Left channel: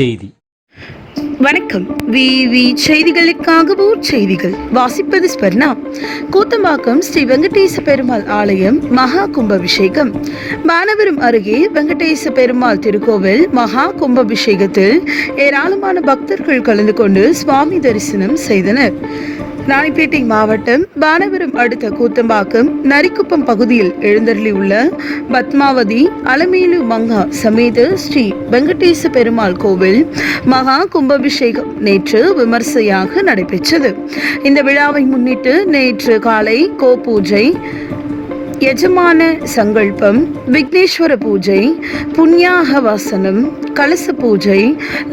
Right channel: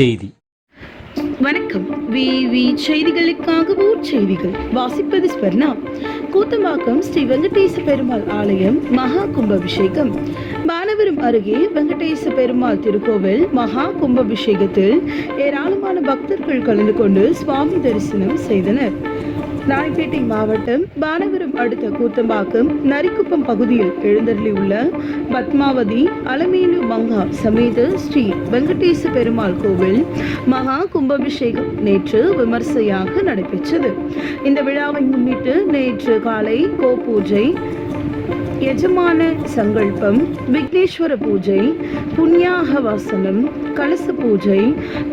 செய்தி. வணக்கம். விவி செய்திகளுக்காக ஊர் செய்திகள் வாசிப்பது ஸ்வர்ணா. கூத்தம்பாக்கம் ஸ்ரீ வெங்கடேச பெருமாள் ஆலயம் மகா கும்பாபிஷேகம். மானவரம் அருகே வெங்கடேச பெருமாள் திருக்கோவில் மகா கும்பாபிஷேகத்தில் ஏராளமான பக்தர்கள் கலந்து கொண்டு சுவாமி தரிசனம் செய்தனர். ராணிப்பேட்டை மாவட்டம் பானவரம் அடுத்த கூத்தம்பாக்கம் நரிக்குப்பம் பகுதியில் எழுந்தருளியுள்ள பத்மாவதி அலமேலு மங்கா சமேத ஸ்ரீ வெங்கடேச பெருமாள் கோவில் மகா கும்பாபிஷேகம் நேற்று விமர்சையாக நடைபெற்றது. இந்த விழாவை முன்னிட்டு நேற்று காலை கோபூஜை, யஜமான சங்கல்பம், விக்னேஸ்வர பூஜை, புண்ணியாகவாசனம், கலச பூஜை,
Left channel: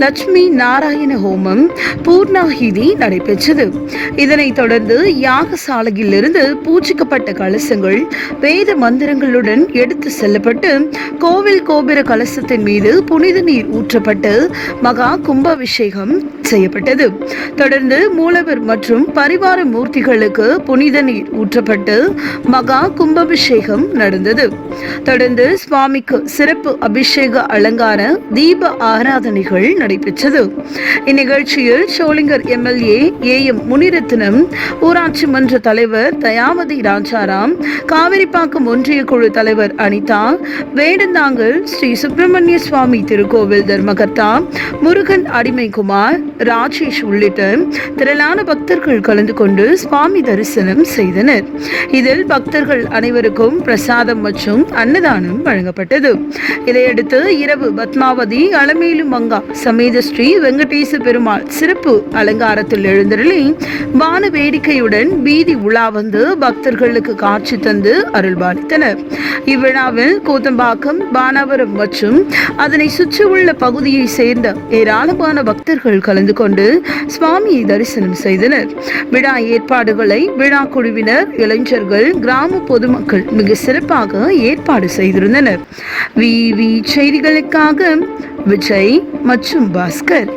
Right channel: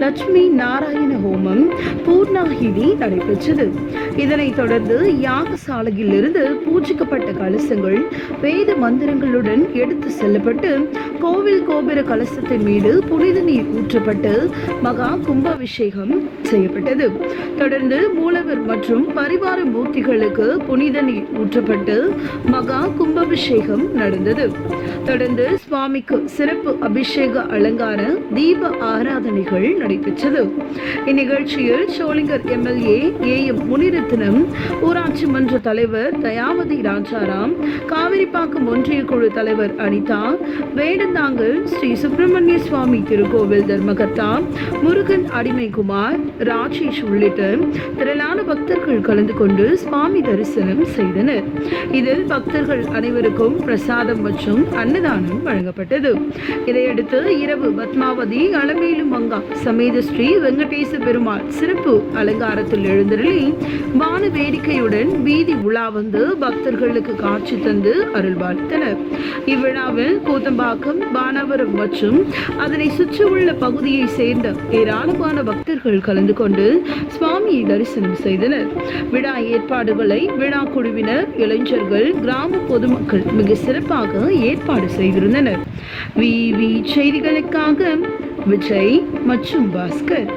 லட்சுமி நாராயண ஹோமம், பூர்ணாகிதி நடைபெற்றது. இதனைத் தொடர்ந்து யாகசாலையில் இருந்து பூஜிக்கப்பட்ட கலசங்கள் வேத மந்திரங்களுடன் எடுத்து செல்லப்பட்டு கோவில் கோபுர கலசத்தின் மீது புனித நீர் ஊற்றப்பட்டு மகா கும்பாபிஷேகம் செய்யப்பட்டது. தொடர்ந்து மூலவர் மற்றும் பரிவார மூர்த்திகளுக்கு புனித நீர் ஊற்றப்பட்டு மகா கும்பாபிஷேகம் நடந்தது. தொடர்ந்து சுவாமிக்கு சிறப்பு அபிஷேக அலங்கார தீப ஆராதனைகள் நடைபெற்றது. இந்நிகழ்ச்சியில் சோளிங்கர் எம்எல்ஏ AM முனிரத்னம், ஊராட்சி மன்ற தலைவர் தயாவதி ராஜாராம், காவிரிப்பாக்கம் ஒன்றிய குழு தலைவர் அனிதா, வேடந்தாங்கல் ஸ்ரீ சுப்பிரமணிய சுவாமி திருக்கோவில் தர்மகர்த்தா முருகன் அடிமைக்குமார், ராஜேஷ் உள்ளிட்ட திரளான பக்தர்கள் கலந்து கொண்டு சுவாமி தரிசனம் செய்தனர். இதில் பக்தர்கள் அனைவருக்கும் பிரசாதம் மற்றும் அன்னதானம் வழங்கப்பட்டது. இதையடுத்து இரவு பத்மாவதி அலமேலு மங்கா சமேத ஸ்ரீ வெங்கடேச பெருமாள் சிறப்பு அலங்காரத்தில் எழுந்தருளி வான வேடிக்கையுடன் வீதி உலா வந்து பக்தர்களுக்கு காட்சி தந்து அருள்பாலித்தனர். இவ்விழாவில் கூத்தம்பாக்கம், பானாவரம் மற்றும் அதனை சுற்றியுள்ள பகுதியை சேர்ந்த ஏராளமான பக்தர்கள் கலந்து கொண்டு சுவாமியை தரிசனம் செய்தனர். விழா ஏற்பாடுகளை விழா குழுவினர், இளைஞர்கள், கிராம பொதுமக்கள் மிக சிறப்பாக ஏற்பாடு செய்திருந்தனர். விவி செய்திகளுக்காக விஜய் மற்றும் பாஸ்கர்.